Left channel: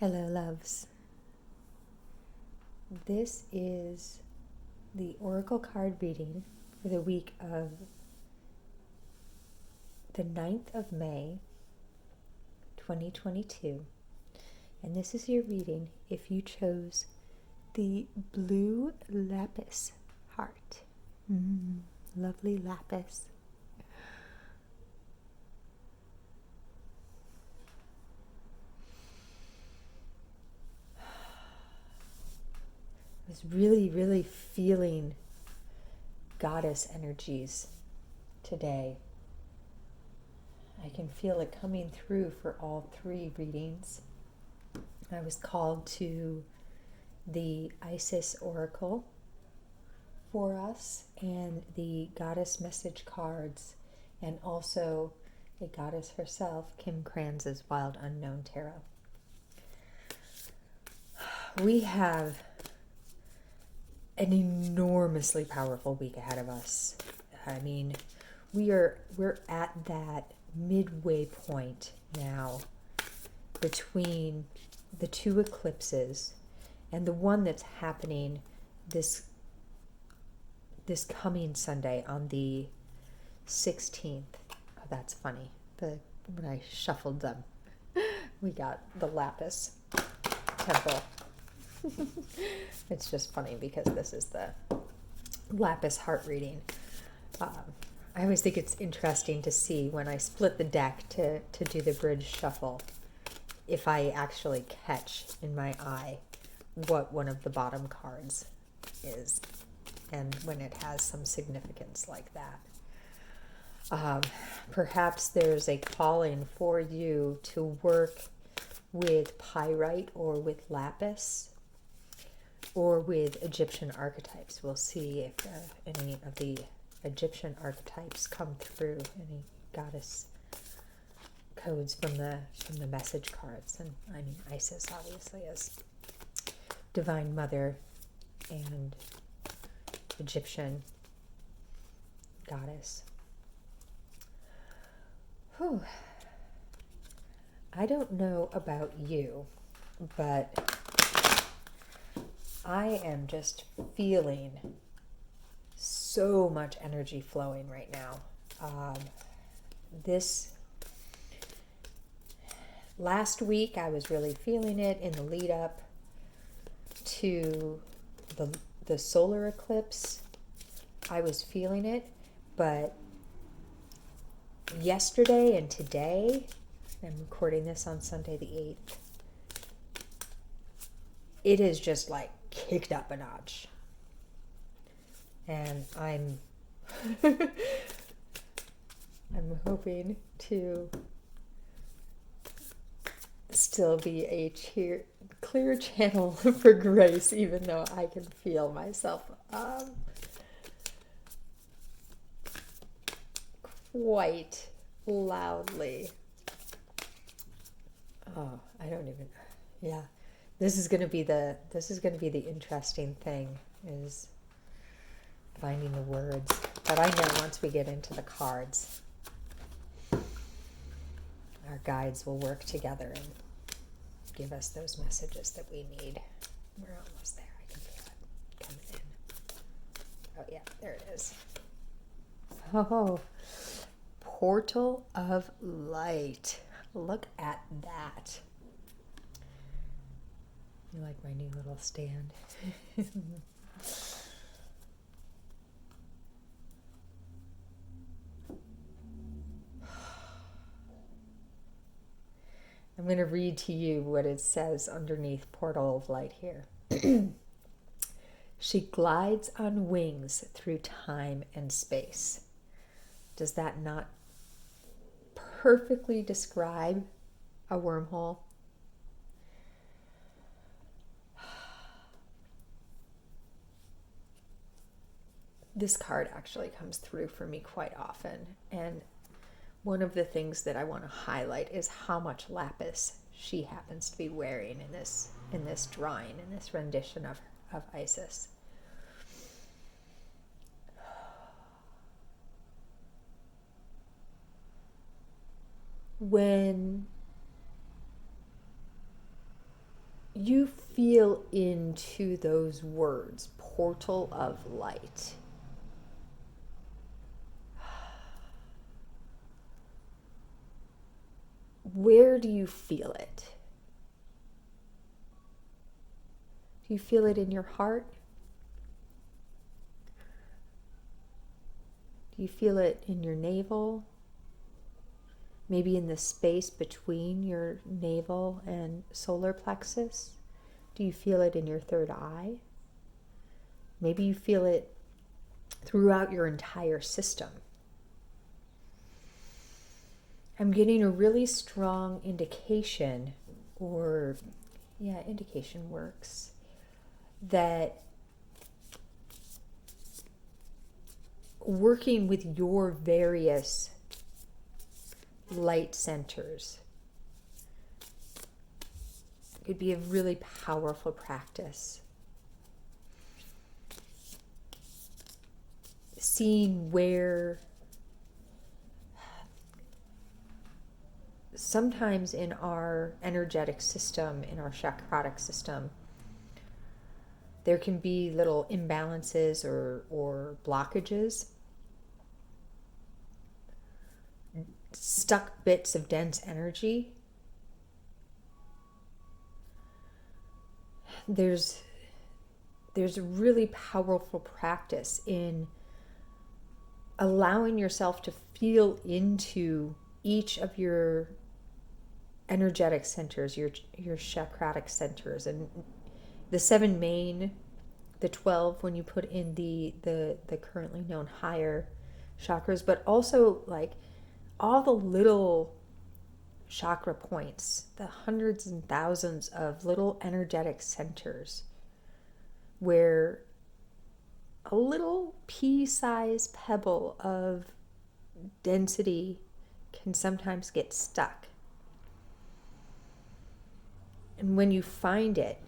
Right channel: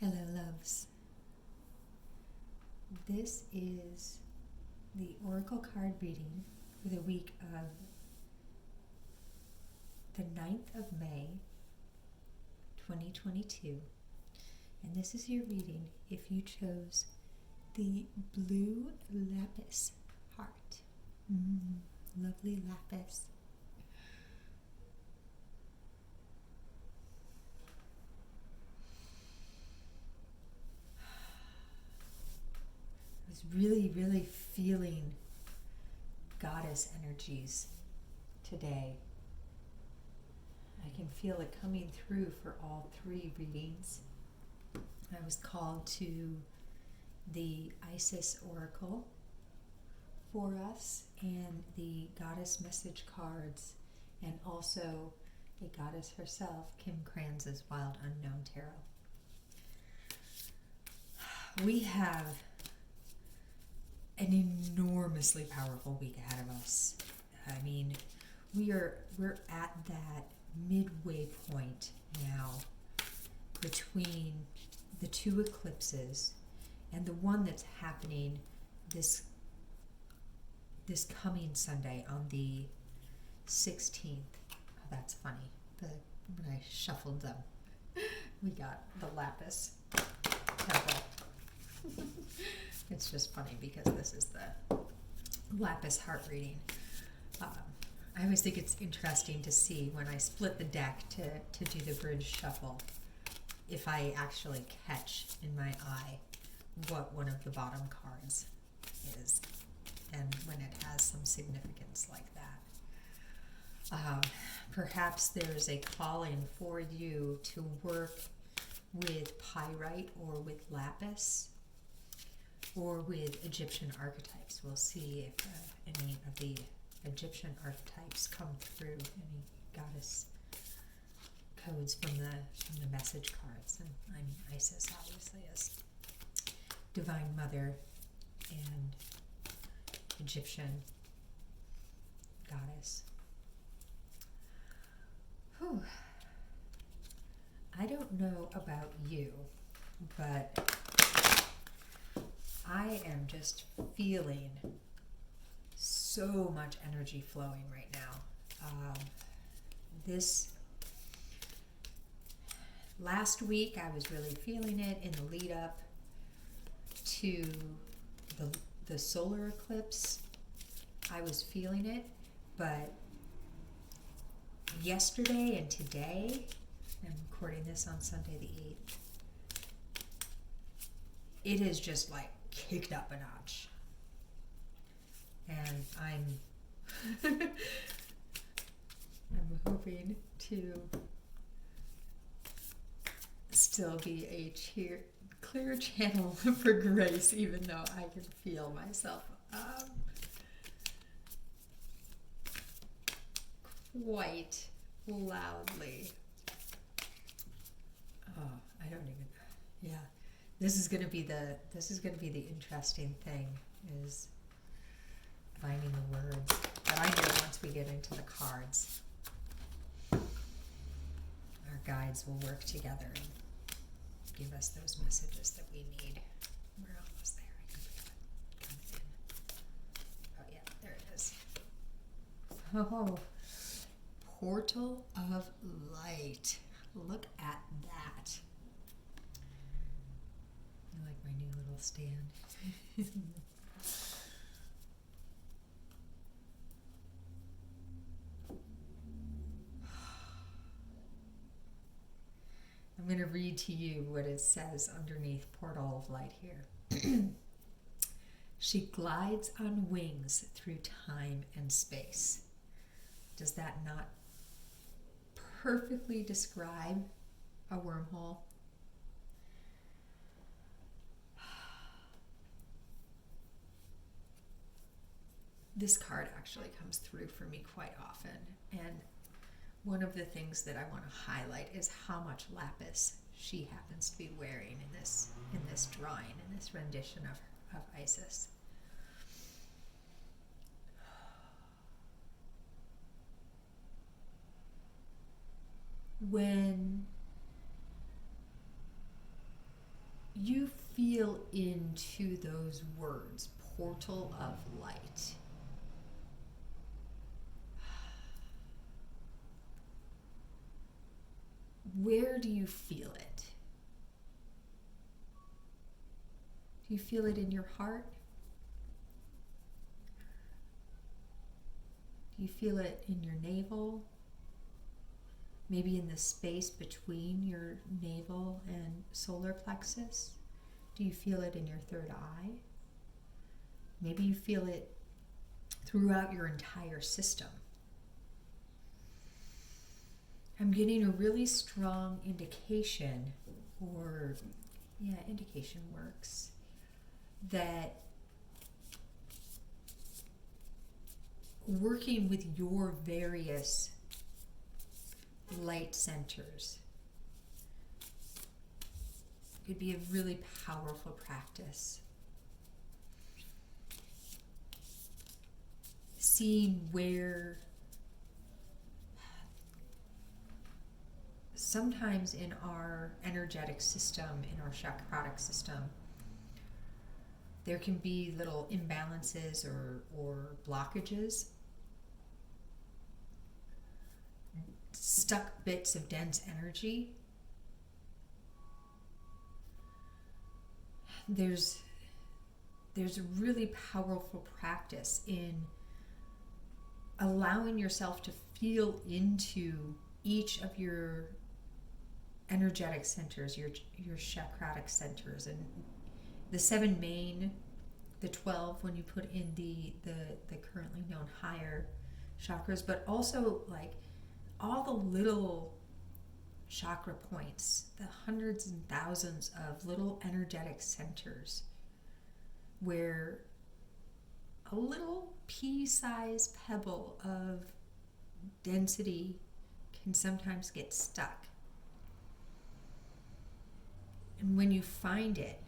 Hello, loves. This is the Oracle card reading for the week of the 9th of May, 2022. And this is your reading if you chose the blue Lapis heart. Lovely Lapis. I was really feeling goddess energies today. I can feel it coming through for all three readings. I was called to the Isis Oracle for us and the goddess message cards, and also a goddess herself, Kim Kranz's Wild Unknown Tarot. We have an enormously powerful week ahead of us. I mean, we're at that midway point now between the two eclipses and the one that's happening this coming Sunday on the 16th. Oh, that's funny. When I shuffled them, we got the Lapis temple. It's just funny because this is the Lapis heart reading. I always think it's interesting to see when I split the deck to do the bridge shuffle, if I actually catch in my eye what one of the bottom cards is, and when it has some significance like that. Perhaps there's a calling for you to work with pyrite or with lapis or with Egyptian archetypes. We'll see if any of the Egyptian archetypes come through, any goddess codes from the message cards. And I mean, Isis obviously is Divine Mother and Egyptian goddess. Whew. I don't know about you, but I am just feeling so much energy flowing right now. This last week I was really feeling it in the lead up to the solar eclipse. I was feeling it, but yesterday and today, I'm recording this on Sunday the 8th, it is just like kicked up a notch. And I'm hoping to still be a clear channel for grace, even though I can feel myself quite loudly. Oh, I don't even. Yeah, this is going to be the interesting thing, is finding the words. But I know once we get into the cards, our guides will work together and give us those messages that we need. We're almost there. I can feel it coming in. Oh yeah, there it is. Oh, Portal of Light. Look at that. You like my new little stand? I'm going to read to you what it says underneath Portal of Light here. She glides on wings through time and space. Does that not perfectly describe a wormhole? This card actually comes through for me quite often, and one of the things that I want to highlight is how much lapis she happens to be wearing in this drawing, in this rendition of Isis. When you feel into those words, portal of light. Where do you feel it? Do you feel it in your heart? Do you feel it in your navel? Maybe in the space between your navel and solar plexus? Do you feel it in your third eye? Maybe you feel it throughout your entire system. I'm getting a really strong indication, indication works, that working with your various light centers could be a really powerful practice. Seeing where sometimes in our energetic system, in our chakrotic system, there can be little imbalances or blockages, stuck bits of dense energy. There's a really powerful practice in allowing yourself to feel into each of your energetic centers, your chakrotic centers, and the 7 main, the 12 when you put in the currently known higher chakras, but also like all the little chakra points, the hundreds and thousands of little energetic centers where a little pea-sized pebble of density can sometimes get stuck. And when you find it,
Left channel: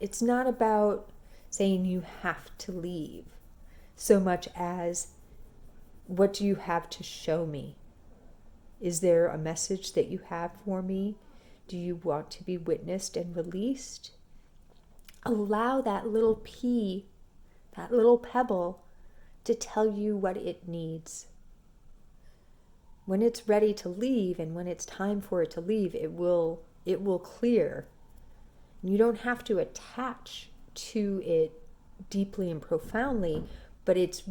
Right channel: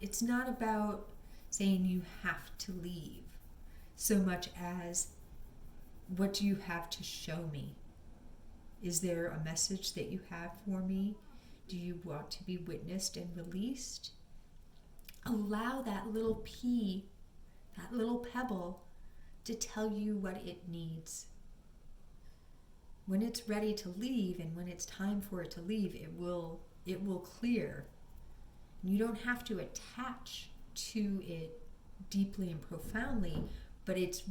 it's not about saying you have to leave so much as, what do you have to show me? Is there a message that you have for me? Do you want to be witnessed and released? Allow that little pea, that little pebble, to tell you what it needs. When it's ready to leave and when it's time for it to leave, it will clear. You don't have to attach to it deeply and profoundly, but it's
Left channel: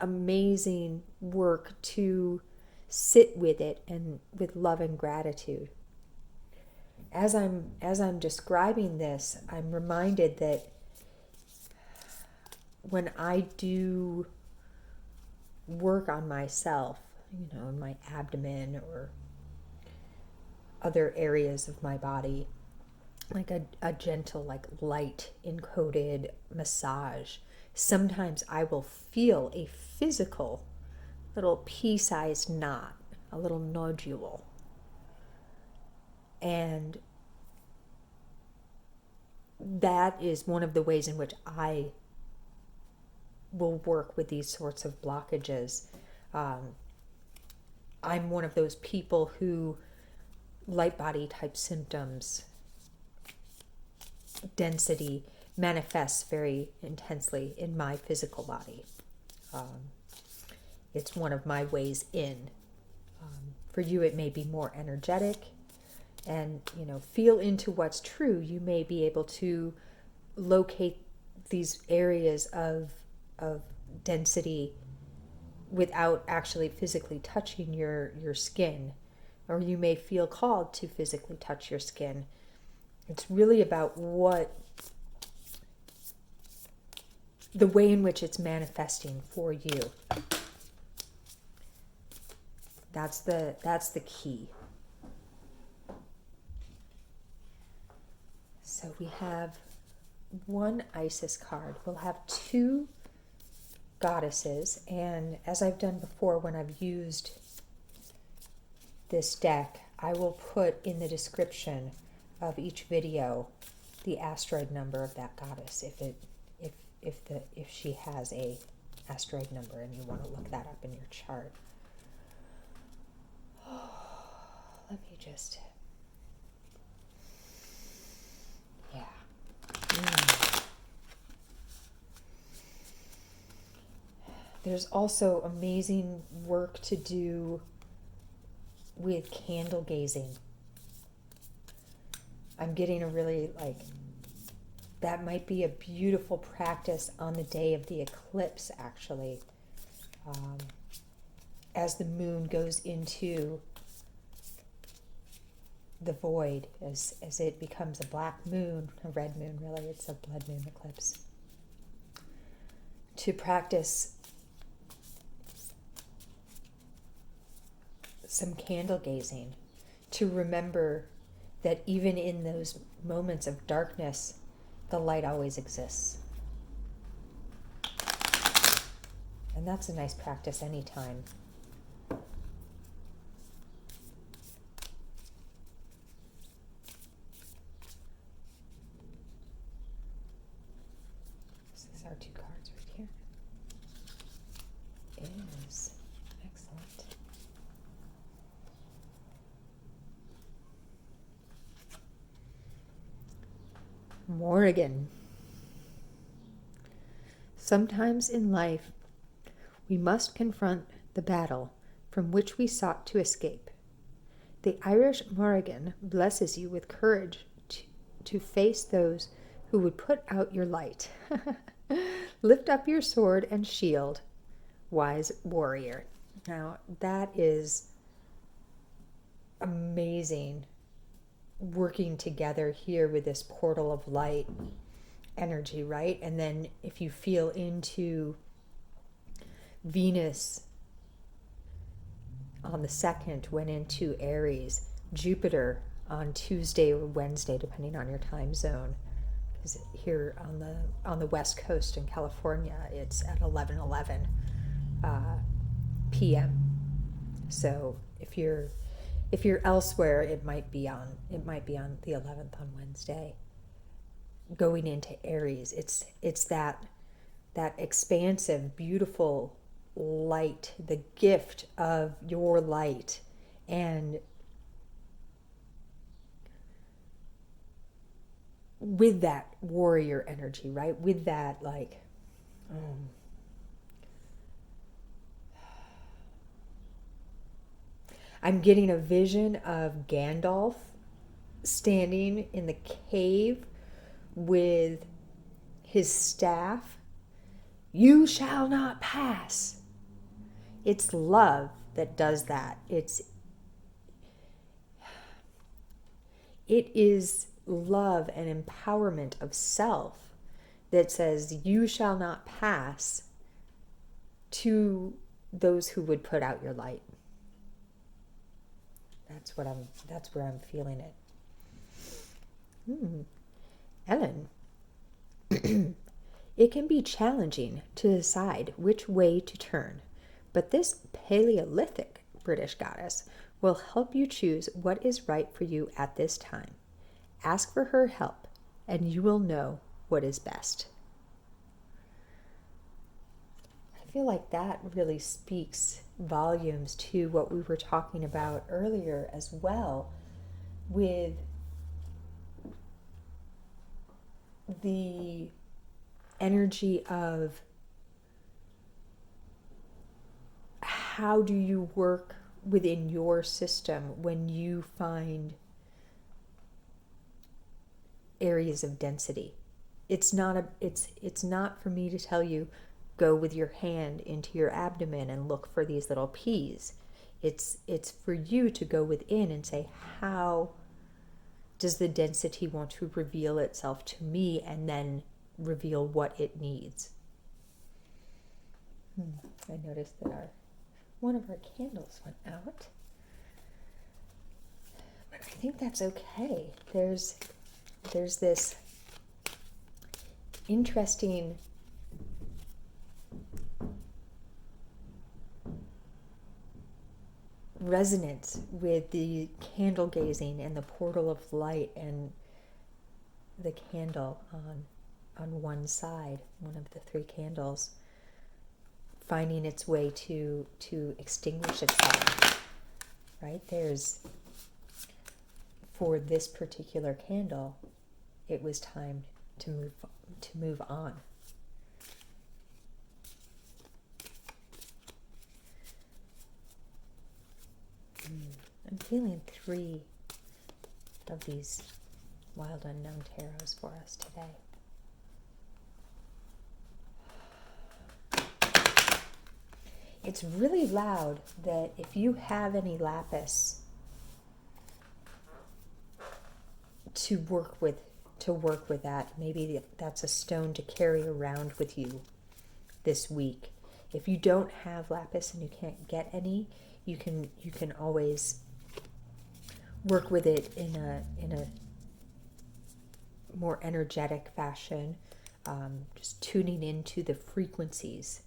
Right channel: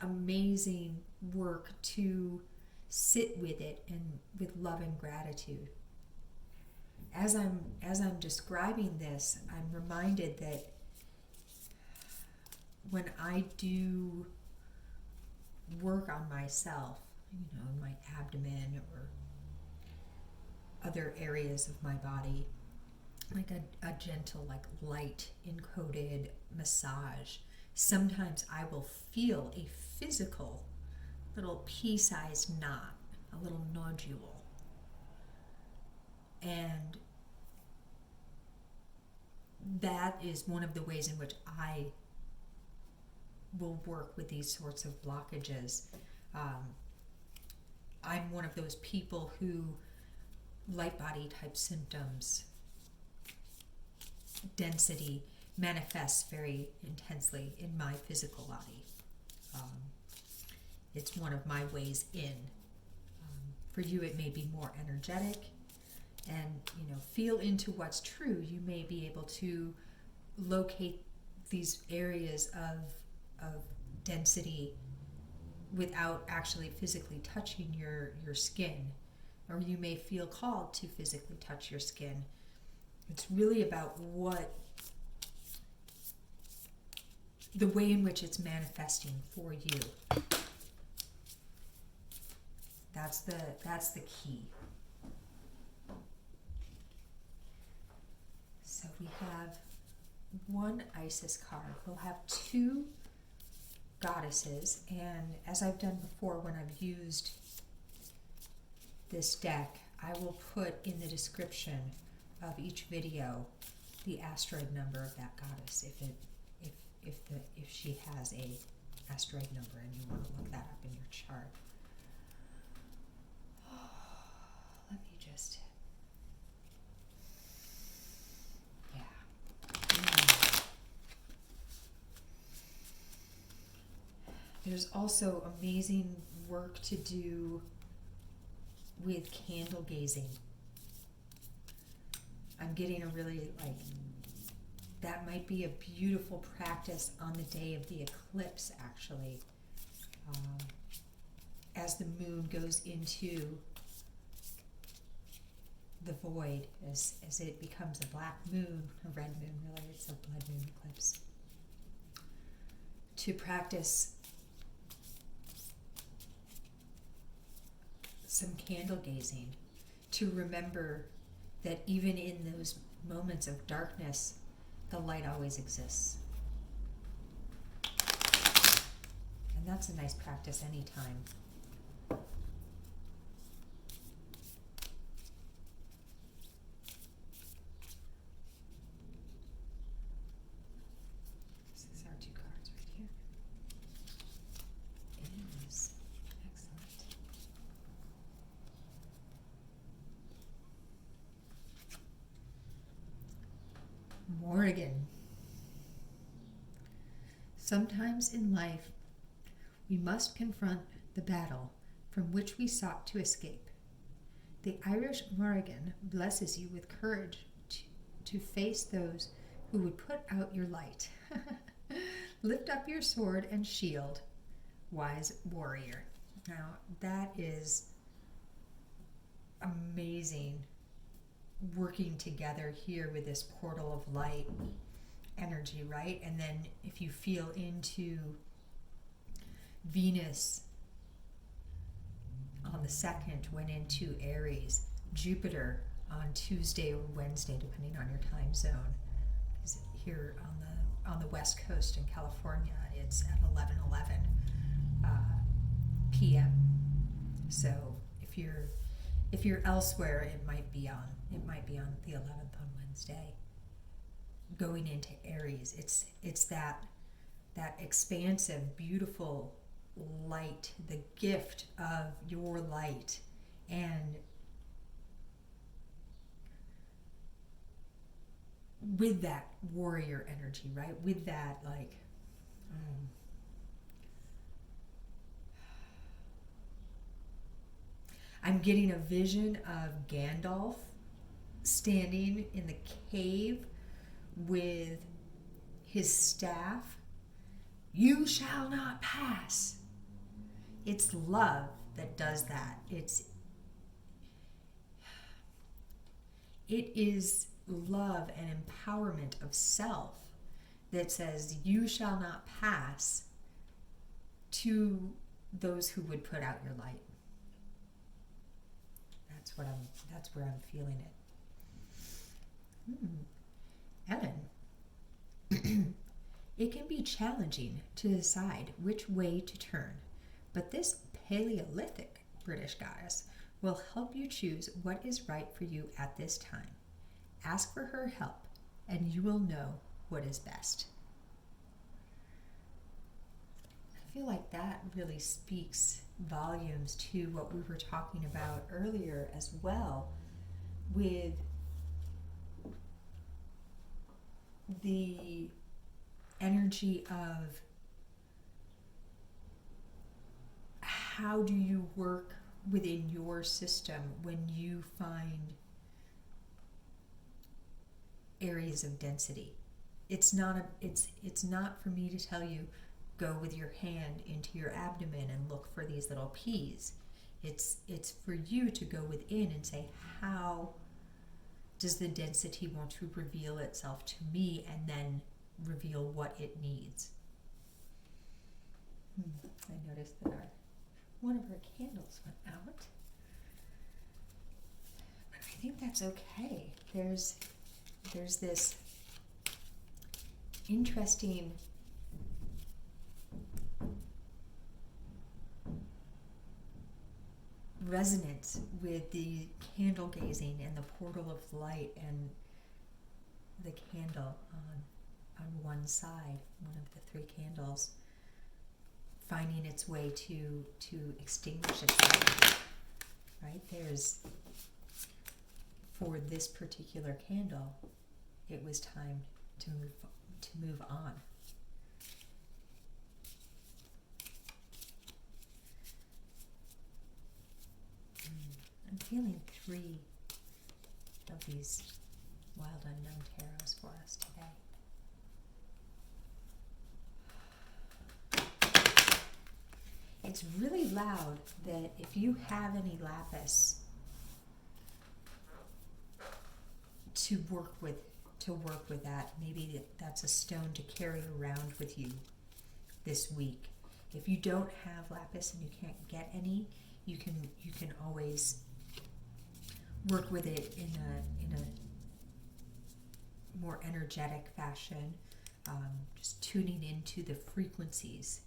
amazing work to sit with it and with love and gratitude. As I'm describing this, I'm reminded that when I do work on myself, in my abdomen or other areas of my body, like a gentle, like light encoded massage, sometimes I will feel a physical little pea-sized knot, a little nodule. And that is one of the ways in which I will work with these sorts of blockages. I'm one of those people who light body type symptoms, density, manifests very intensely in my physical body. It's one of my ways in. For you, it may be more energetic, and feel into what's true. You may be able to locate these areas of density without actually physically touching your skin, or you may feel called to physically touch your skin. It's really about the way in which it's manifesting for you. That's the key. So we have one Isis card. We'll have 2 goddesses, and as I've done before when I've used this deck, I will put in the description of each video the asteroid number of that goddess if she has a asteroid number, and you want to look that up in your chart. Let me just, yeah. There's also amazing work to do with candle gazing. I'm getting a really, like, that might be a beautiful practice on the day of the eclipse, actually. As the moon goes into the void, as it becomes a black moon, a red moon really, it's a blood moon eclipse. To practice some candle gazing, to remember that even in those moments of darkness, the light always exists. And that's a nice practice anytime. This is our two cards right here. Is excellent. Morrigan. Sometimes in life, we must confront the battle from which we sought to escape. The Irish Morrigan blesses you with courage to face those who would put out your light. Lift up your sword and shield, wise warrior. Now, that is amazing, working together here with this portal of light energy, right? And then if you feel into Venus on the 2nd went into Aries, Jupiter on Tuesday or Wednesday, depending on your time zone. Because here on the West Coast in California, it's at 11:11 p.m. So if you're elsewhere, it might be on the 11th on Wednesday. Going into Aries, it's that expansive, beautiful light, the gift of your light, and with that warrior energy, right? With that, like, I'm getting a vision of Gandalf standing in the cave with his staff. You shall not pass. It's love that does that. It is love and empowerment of self that says you shall not pass to those who would put out your light. That's where I'm feeling it. Ellen. It can be challenging to decide which way to turn, but this Paleolithic British goddess will help you choose what is right for you at this time. Ask for her help, and you will know what is best. I feel like that really speaks volumes to what we were talking about earlier as well, with the energy of how do you work within your system when you find areas of density. It's not for me to tell you go with your hand into your abdomen and look for these little peas. It's for you to go within and say, how does the density want to reveal itself to me, and then reveal what it needs. I noticed that one of our candles went out, but I think that's okay. There's this interesting resonance with the candle gazing and the portal of light and the candle on one side, one of the three candles. finding its way to extinguish itself, right? For this particular candle, it was time to move on. I'm feeling 3 of these Wild Unknown tarots for us today. It's really loud that if you have any lapis to work with that, maybe that's a stone to carry around with you this week. If you don't have lapis and you can't get any, you can always work with it in a more energetic fashion, just tuning into the frequencies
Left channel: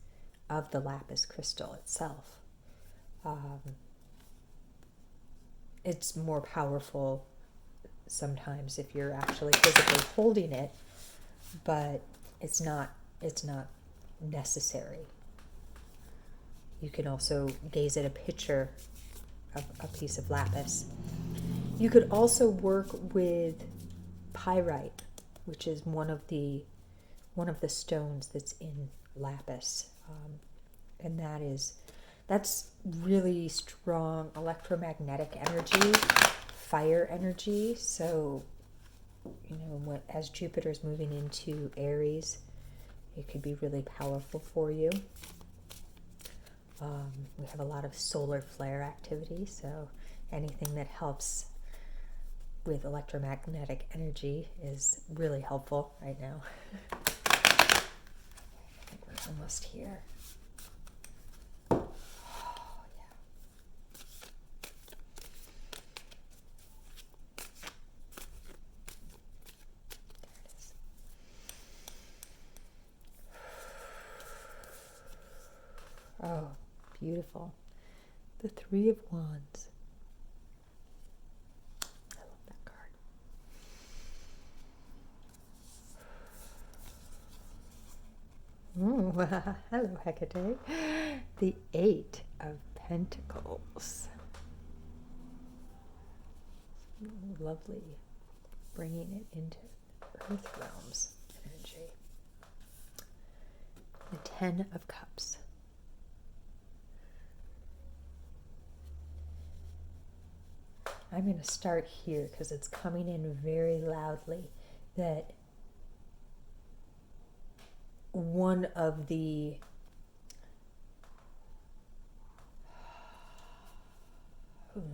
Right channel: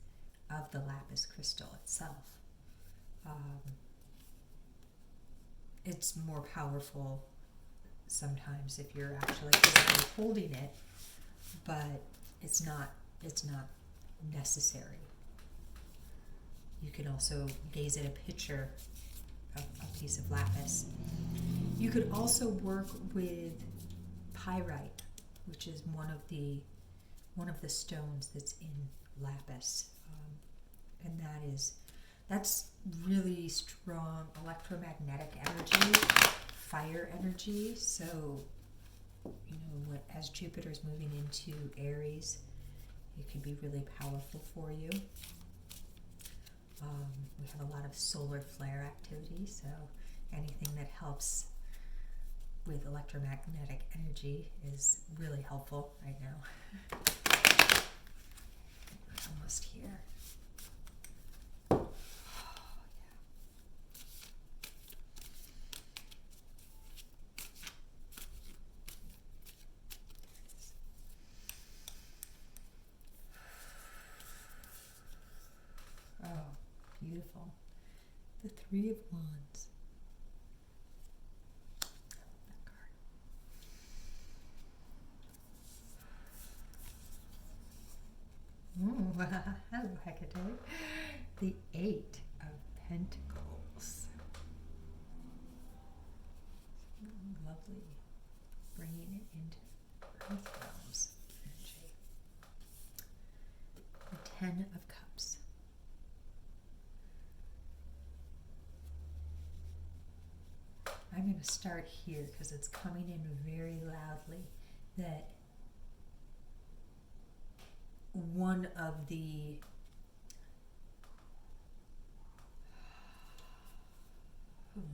of the lapis crystal itself. It's more powerful sometimes if you're actually physically holding it, but it's not necessary. You can also gaze at a picture of a piece of lapis. You could also work with pyrite, which is one of the stones that's in lapis, and that's really strong electromagnetic energy, fire energy. So, as Jupiter's moving into Aries, it could be really powerful for you. We have a lot of solar flare activity, so anything that helps with electromagnetic energy is really helpful right now. I think we're almost here. Oh, yeah. There it is. Oh, beautiful. The 3 of Wands. I love that card. Ooh, hello, Hecate. The 8 of Pentacles. Lovely. Bringing it into Earth realms energy. The 10 of Cups. I'm going to start here because it's coming in very loudly that one of the let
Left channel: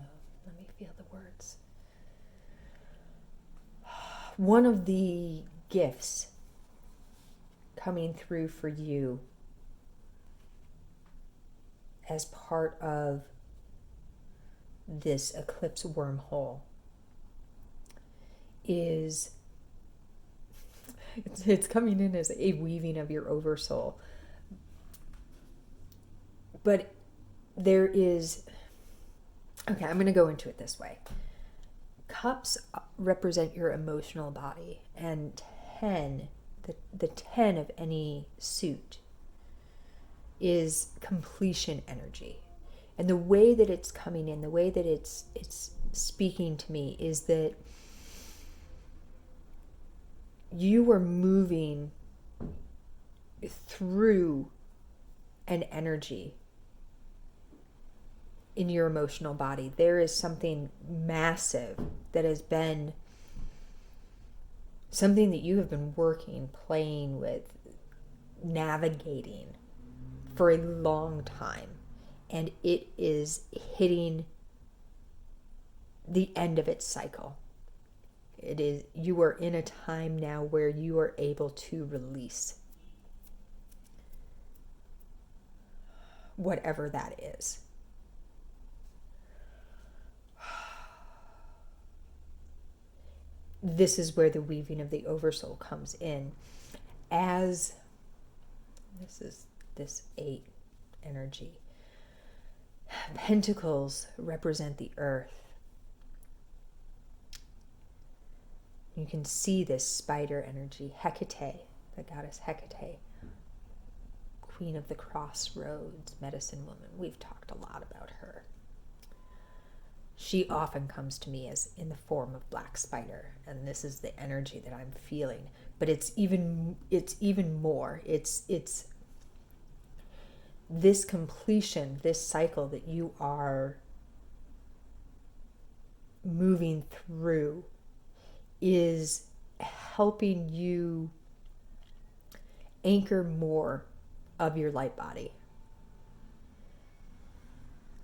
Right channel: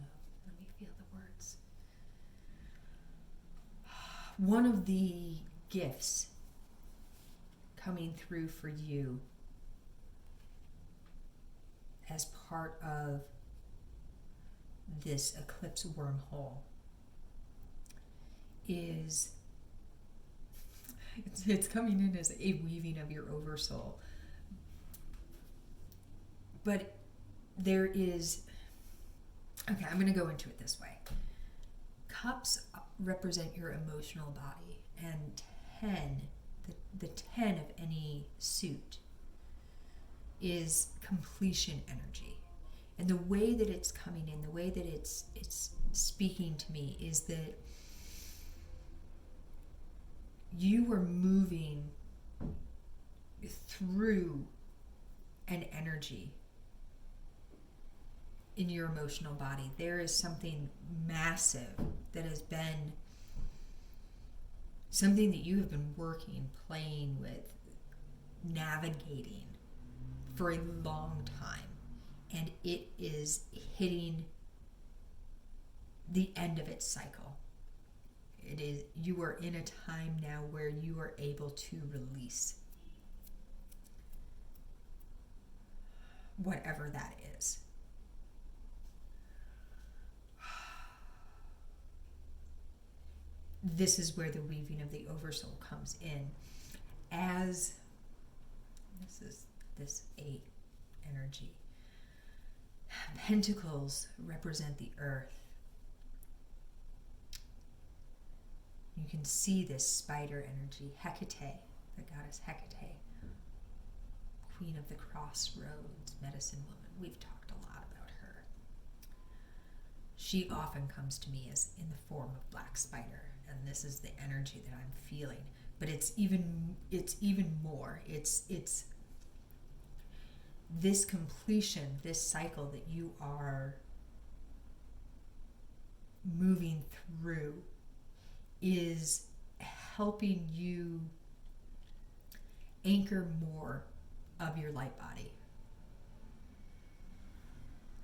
me feel the words. One of the gifts coming through for you as part of this eclipse wormhole is it's coming in as a weaving of your oversoul, but there is, okay, I'm going to go into it this way. Cups represent your emotional body, and 10, the 10 of any suit is completion energy. And the way that it's coming in, the way that it's speaking to me is that you are moving through an energy in your emotional body. There is something massive that has been something that you have been working, playing with, navigating for a long time. And it is hitting the end of its cycle. You are in a time now where you are able to release whatever that is. This is where the weaving of the oversoul comes in, as this 8 energy. Pentacles represent the earth. You can see this spider energy, Hecate, the goddess Hecate, Queen of the Crossroads, medicine woman. We've talked a lot about her. She often comes to me as in the form of black spider, and this is the energy that I'm feeling. But it's even more. It's this completion, this cycle that you are moving through is helping you anchor more of your light body.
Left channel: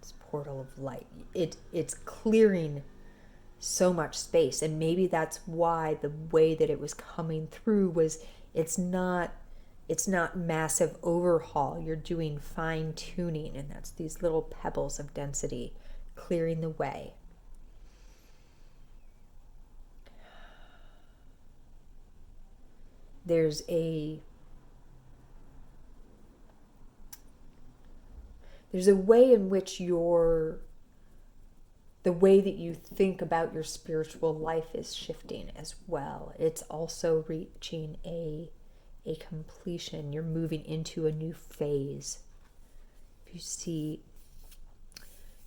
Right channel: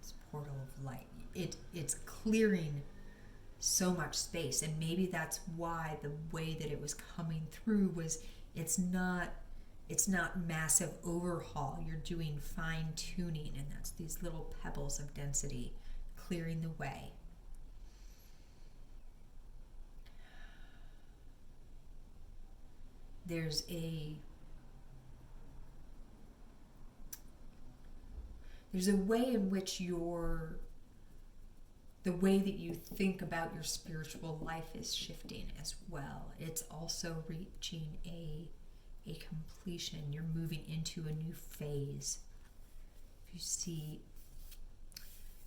It's portal of light. It's clearing so much space, and maybe that's why the way that it was coming through was it's not massive overhaul. You're doing fine tuning, and that's these little pebbles of density clearing the way. There's a way in which the way that you think about your spiritual life is shifting as well. It's also reaching a completion. You're moving into a new phase. If you see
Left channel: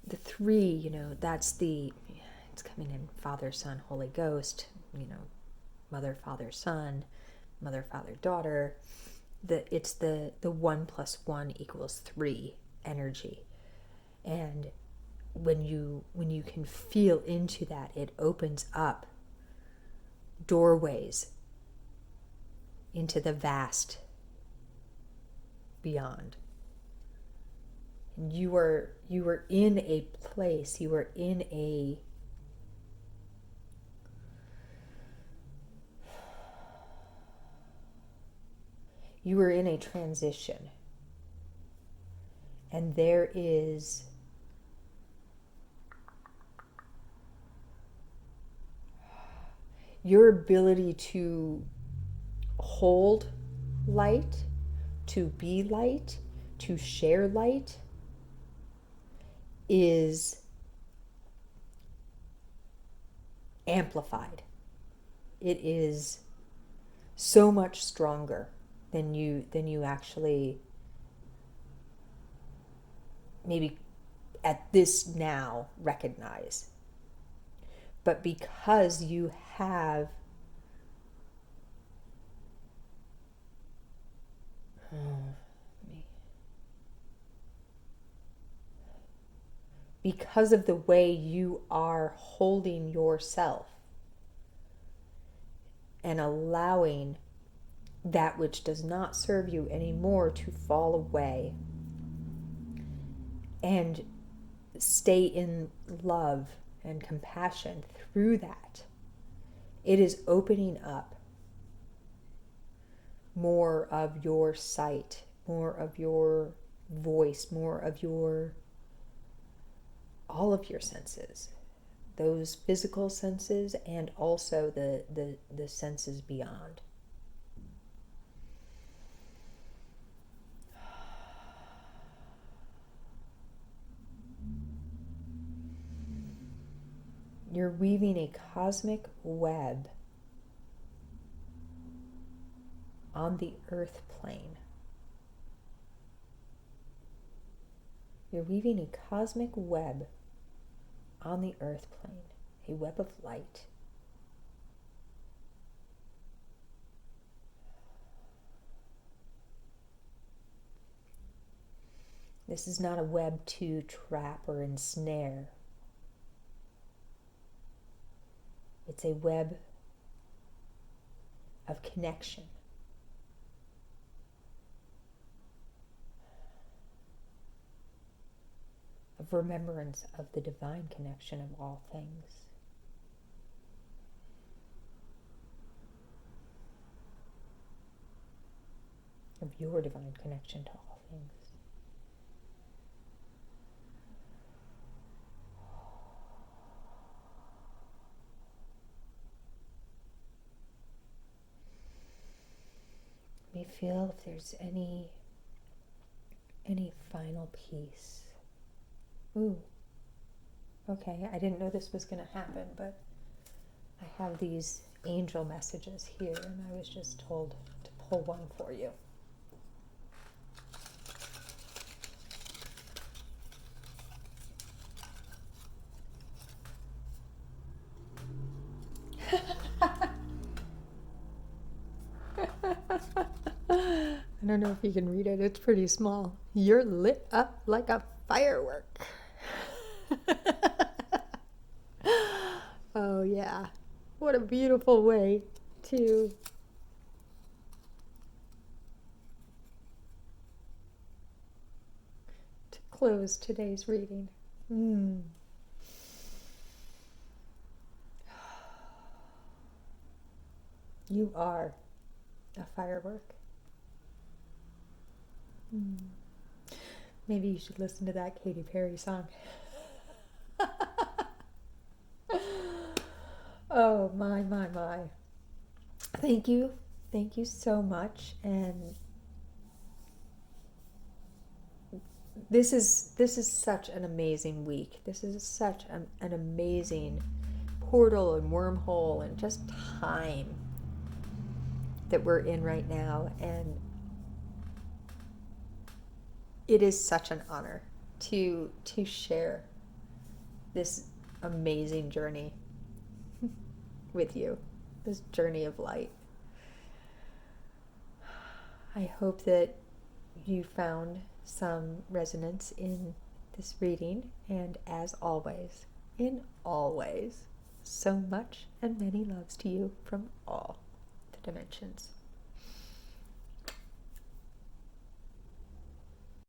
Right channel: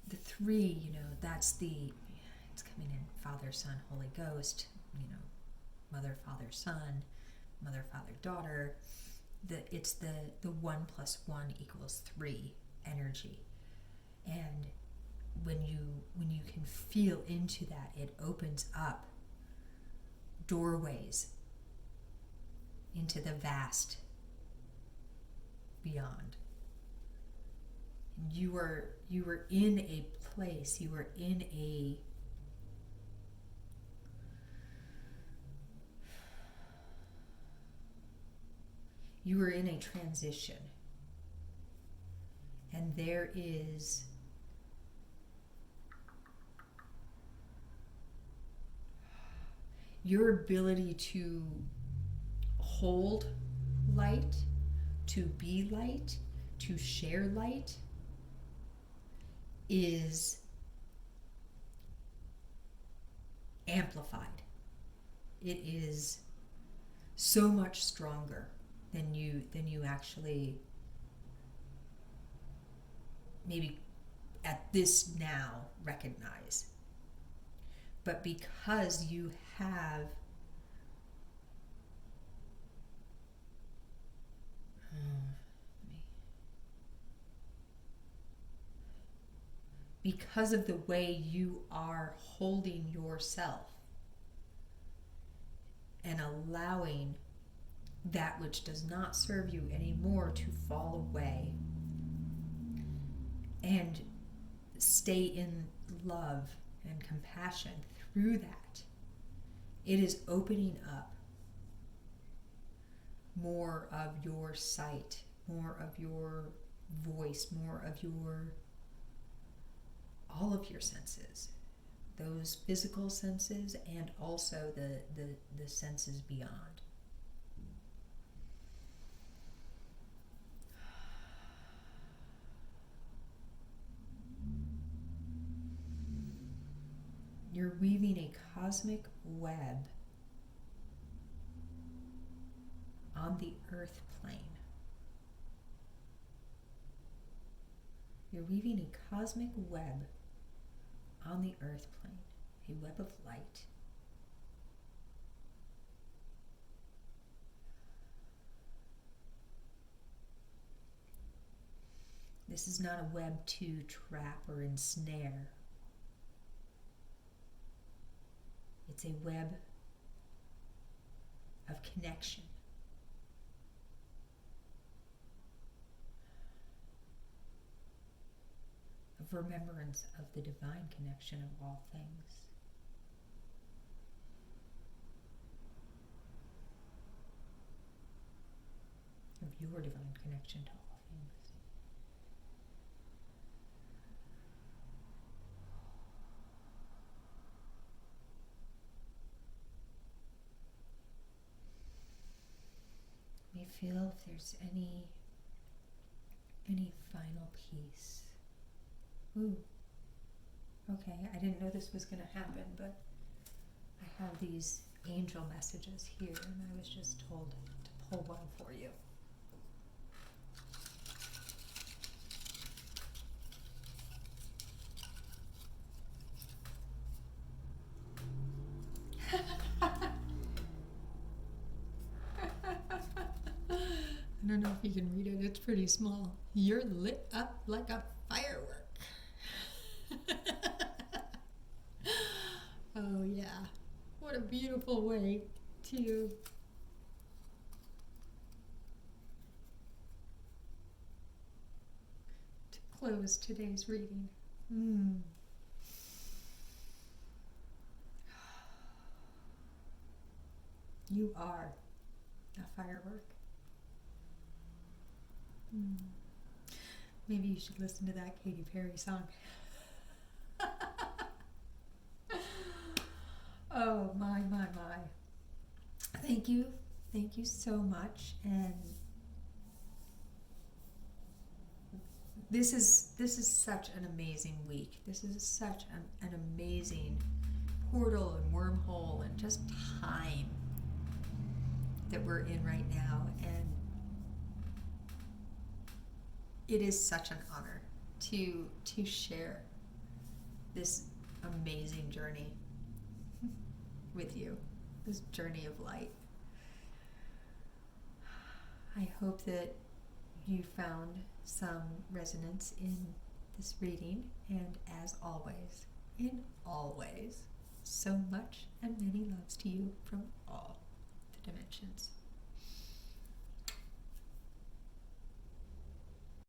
the 3, it's coming in Father, Son, Holy Ghost, Mother, Father, Son, Mother, Father, Daughter. It's the 1 + 1 = 3 energy. And when you can feel into that, it opens up doorways into the vast beyond. And you were in a place, you were in a transition. And there is your ability to hold light, to be light, to share light is amplified. It is so much stronger than you actually maybe at this now recognize. But because you have because of the way you are holding yourself and allowing that which does not serve you anymore to fall away and stay in love and compassion through that, it is opening up more of your sight, more of your voice, more of all of your senses, those physical senses and also the senses beyond. You're weaving a cosmic web on the earth plane. You're weaving a cosmic web on the earth plane, a web of light. This is not a web to trap or ensnare. It's a web of connection. Of remembrance of the divine connection of all things. Of your divine connection to all things. Let me feel if there's any final piece. Ooh, okay, I didn't know this was going to happen, but I have these angel messages here, and I was just told to pull one for you. I don't know if you can read it. It's pretty small. You're lit up like a firework. Oh, yeah. What a beautiful way to close today's reading. You are a firework. Maybe you should listen to that Katy Perry song. Oh, my. Thank you. Thank you so much. And this is such an amazing week. This is such an amazing portal and wormhole and just time that we're in right now. And it is such an honor to share this amazing journey with you, this journey of light. I hope that you found some resonance in this reading, and as always, in all ways, so much and many loves to you from all the dimensions.